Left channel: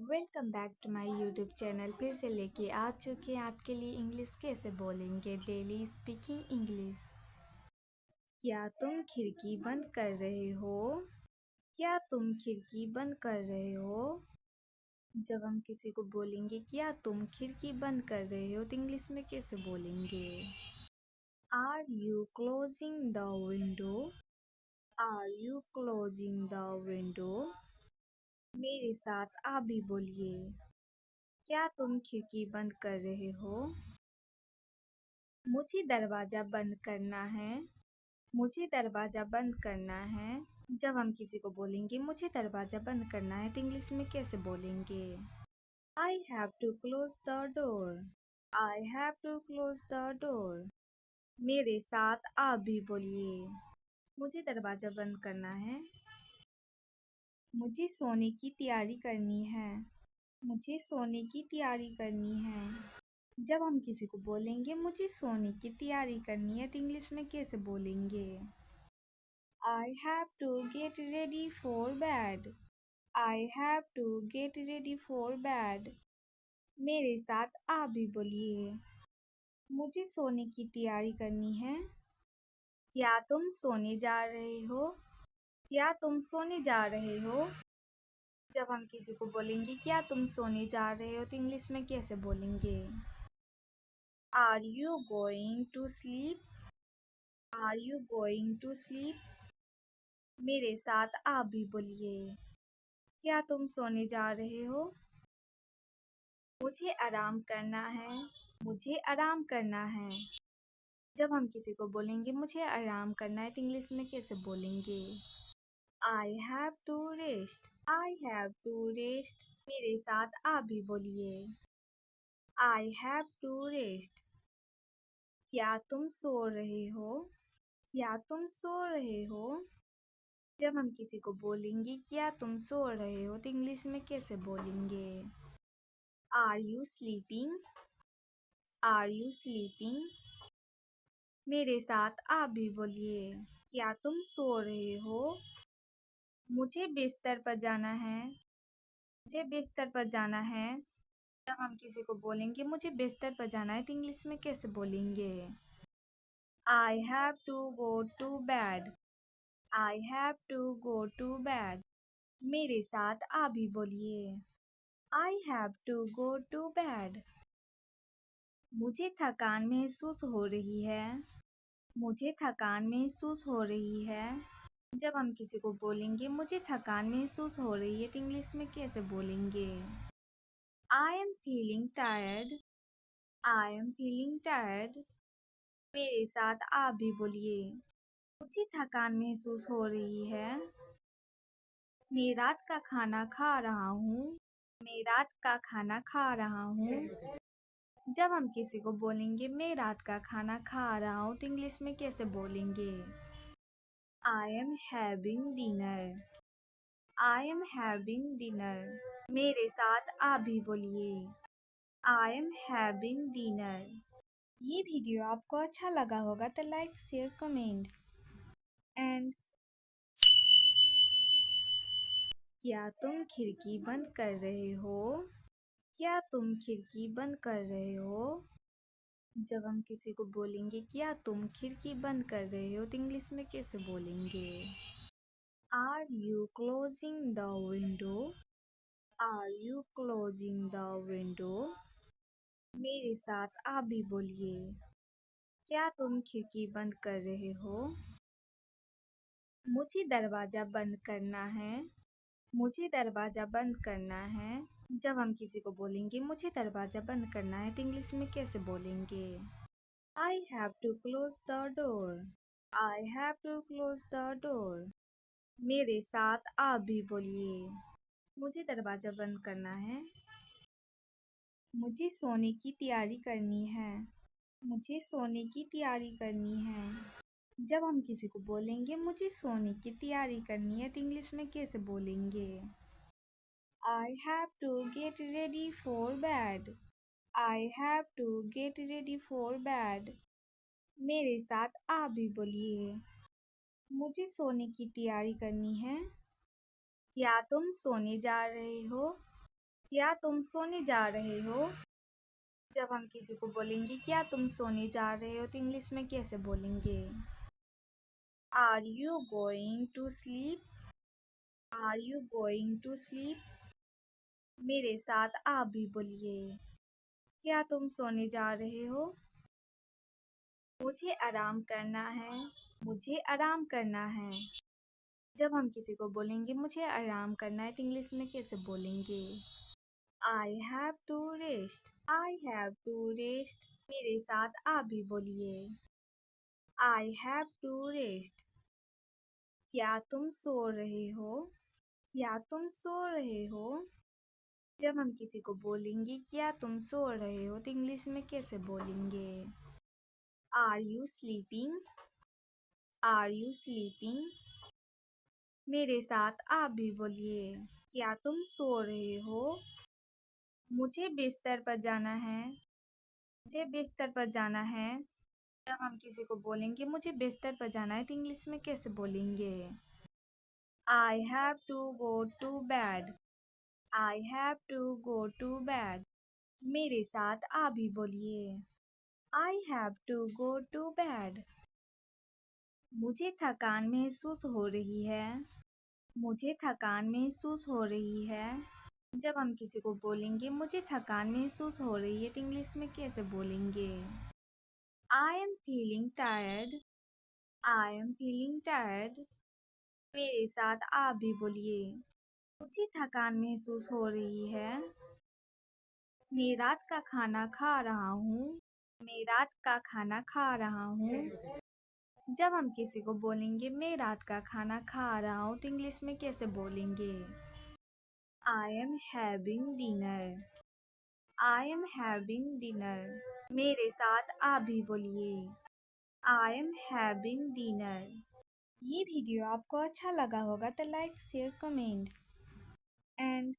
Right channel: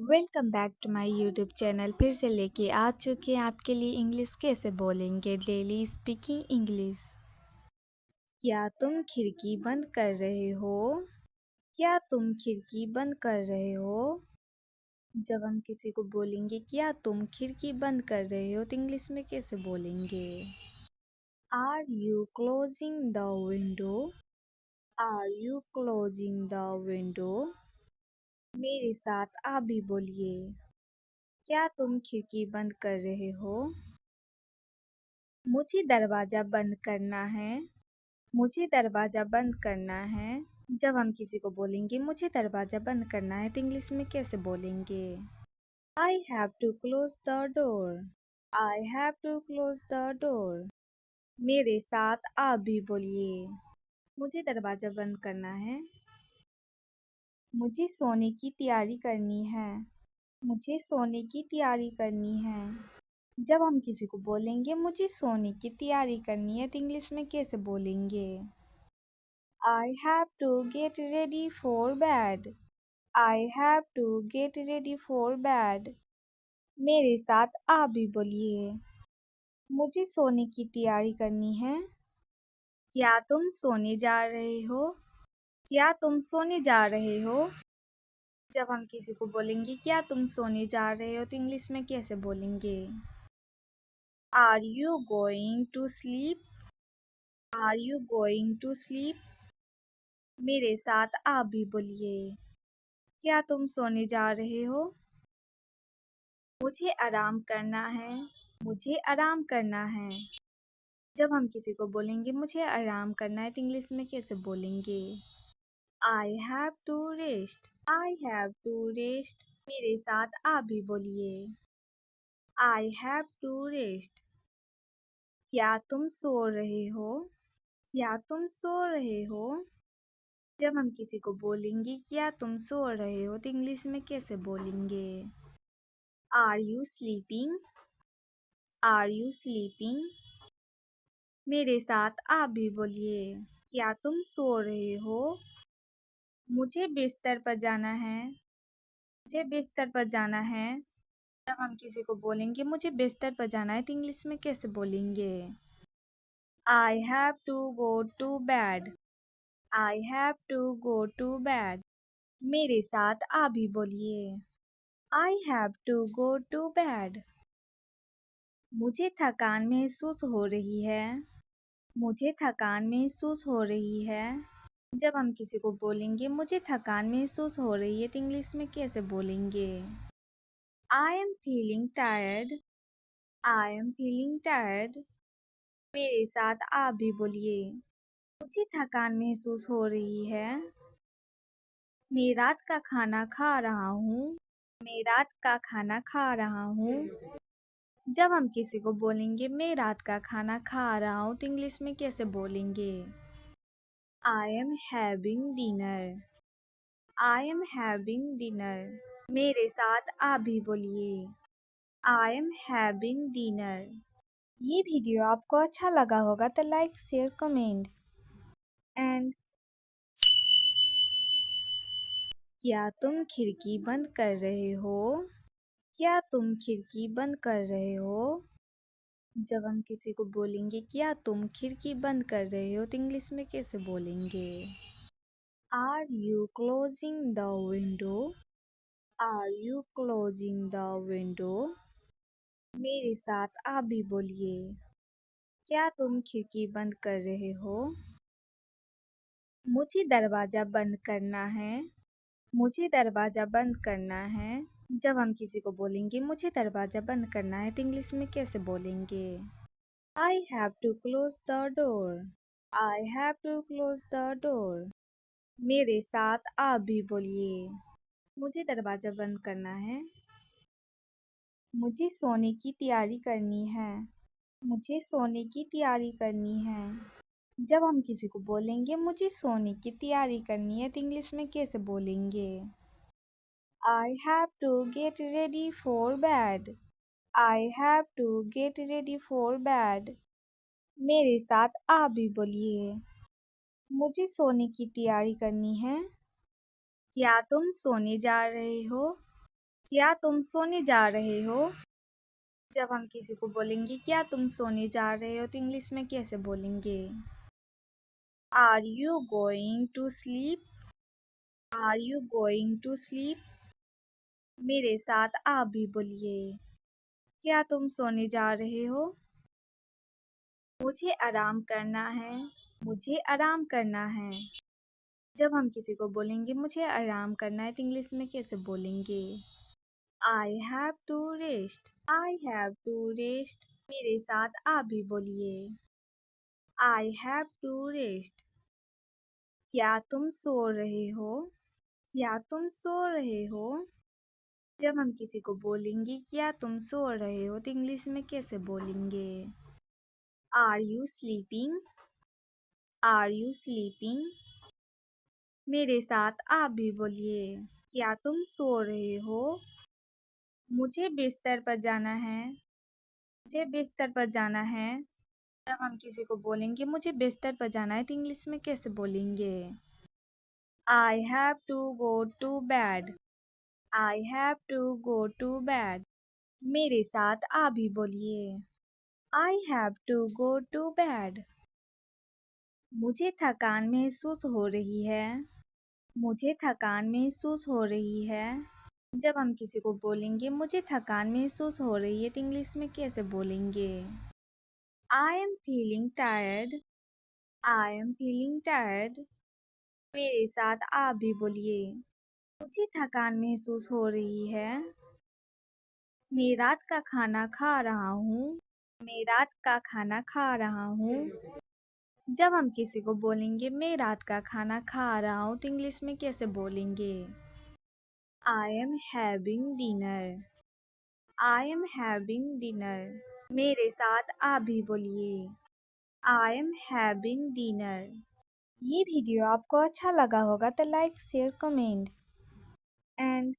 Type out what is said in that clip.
Welcome back to my YouTube channel. फिर से लेके आ चुके हैं आपके लिए इंग्लिश कैसे बोलेंगे डेली स्पीकिंग इंग्लिश। क्या तुम खिड़की बंद कर रहे हो? क्या तुम खिड़की बंद कर रहे हो? जब हम किसी को बोलेंगे क्या तुम खिड़की बंद कर रहे हो तो इंग्लिश में कैसे बोलेंगे? Are you closing the window? Are you closing the window? मेरे साथ आप भी बोलिए। क्या तुम खिड़की बंद कर रहे हो? मुझे दरवाज़ा बंद करना है। मुझे दरवाज़ा बंद करना है। जब हम किसी को बोलेंगे मुझे दरवाज़ा बंद करना है तो इंग्लिश में कैसे बोलेंगे? I have to close the door. I have to close the door. मेरे साथ आप भी बोलिए। मुझे दरवाज़ा बंद करना है। मुझे सोने की तैयारी करनी है। मुझे सोने की तैयारी करनी है। जब हम किसी को बोलेंगे मुझे सोने की तैयारी करनी है तो इंग्लिश में कैसे बोलेंगे? I have to get ready for bed. I have to get ready for bed. मेरे साथ आप भी बोलिए। मुझे सोने की तैयारी करनी है। क्या तुम सोने जा रहे हो? क्या तुम सोने जा रहे हो? जब हम किसी को बोलेंगे क्या तुम सोने जा रहे हो तो इंग्लिश में कैसे बोलेंगे? Are you going to sleep? Are you going to sleep? मेरे साथ आप भी बोलिए। क्या तुम सोने जा रहे हो? मुझे आराम करना है। मुझे आराम करना है। जब हम किसी को बोलेंगे मुझे आराम करना है तो इंग्लिश में कैसे बोलेंगे? I have to rest. I have to rest. मेरे साथ आप भी बोलिए। I have to rest. क्या तुम सो रहे हो? क्या तुम सो रहे हो? जब हम किसी को बोलेंगे क्या तुम सो रहे हो तो इंग्लिश में कैसे बोलेंगे? Are you sleeping? Are you sleeping? मेरे साथ आप भी बोलिए। क्या तुम सो रहे हो? मुझे बिस्तर पर जाना है। मुझे बिस्तर पर जाना है। जब हम किसी को बोलेंगे मुझे बिस्तर पर जाना है तो इंग्लिश में कैसे बोलेंगे? I have to go to bed. I have to go to bed. मेरे साथ आप भी बोलिए। I have to go to bed. मुझे थकान महसूस हो रही है। मुझे थकान महसूस हो रही है। जब हम किसी को बोलेंगे मुझे थकान महसूस हो रही है तो इंग्लिश में कैसे बोलेंगे? I am feeling tired. I am feeling tired. मेरे साथ आप भी बोलिए। मुझे थकान महसूस हो रही है। मैं रात का खाना खा रहा हूँ। मैं रात का खाना खा रहा हूँ। जब हम किसी को बोलेंगे मैं रात का खाना खा रहा हूँ तो इंग्लिश में कैसे बोलेंगे? I am having dinner. I am having dinner. मेरे साथ आप भी बोलिए। I am having dinner. ये वीडियो आपको अच्छा लगा होगा तो लाइक शेयर कमेंट एंड क्या तुम खिड़की बंद कर रहे हो? क्या तुम खिड़की बंद कर रहे हो? जब हम किसी को बोलेंगे क्या तुम खिड़की बंद कर रहे हो तो इंग्लिश में कैसे बोलेंगे? Are you closing the window? Are you closing the window? मेरे साथ आप भी बोलिए। क्या तुम खिड़की बंद कर रहे हो? मुझे दरवाज़ा बंद करना है। मुझे दरवाज़ा बंद करना है। जब हम किसी को बोलेंगे मुझे दरवाज़ा बंद करना है तो इंग्लिश में कैसे बोलेंगे? I have to close the door. I have to close the door. मेरे साथ आप भी बोलिए। मुझे दरवाज़ा बंद करना है। मुझे सोने की तैयारी करनी है। मुझे सोने की तैयारी करनी है। जब हम किसी को बोलेंगे मुझे सोने की तैयारी करनी है तो इंग्लिश में कैसे बोलेंगे? I have to get ready for bed. I have to get ready for bed. मेरे साथ आप भी बोलिए। मुझे सोने की तैयारी करनी है। क्या तुम सोने जा रहे हो? क्या तुम सोने जा रहे हो? जब हम किसी को बोलेंगे क्या तुम सोने जा रहे हो तो इंग्लिश में कैसे बोलेंगे? Are you going to sleep? Are you going to sleep? मेरे साथ आप भी बोलिए। क्या तुम सोने जा रहे हो? मुझे आराम करना है। मुझे आराम करना है। जब हम किसी को बोलेंगे मुझे आराम करना है तो इंग्लिश में कैसे बोलेंगे? I have to rest. I have to rest. मेरे साथ आप भी बोलिए। I have to rest. क्या तुम सो रहे हो? क्या तुम सो रहे हो? जब हम किसी को बोलेंगे क्या तुम सो रहे हो तो इंग्लिश में कैसे बोलेंगे? Are you sleeping? Are you sleeping? मेरे साथ आप भी बोलिए। क्या तुम सो रहे हो? मुझे बिस्तर पर जाना है। मुझे बिस्तर पर जाना है। जब हम किसी को बोलेंगे मुझे बिस्तर पर जाना है तो इंग्लिश में कैसे बोलेंगे? I have to go to bed. I have to go to bed. मेरे साथ आप भी बोलिए। I have to go to bed. मुझे थकान महसूस हो रही है। मुझे थकान महसूस हो रही है। जब हम किसी को बोलेंगे मुझे थकान महसूस हो रही है तो इंग्लिश में कैसे बोलेंगे? I am feeling tired. I am feeling tired. मेरे साथ आप भी बोलिए। मुझे थकान महसूस हो रही है। मैं रात का खाना खा रहा हूँ। मैं रात का खाना खा रहा हूँ। जब हम किसी को बोलेंगे मैं रात का खाना खा रहा हूँ तो इंग्लिश में कैसे बोलेंगे? I am having dinner. I am having dinner. मेरे साथ आप भी बोलिए। I am having dinner. ये वीडियो आपको अच्छा लगा होगा तो लाइक शेयर कमेंट एंड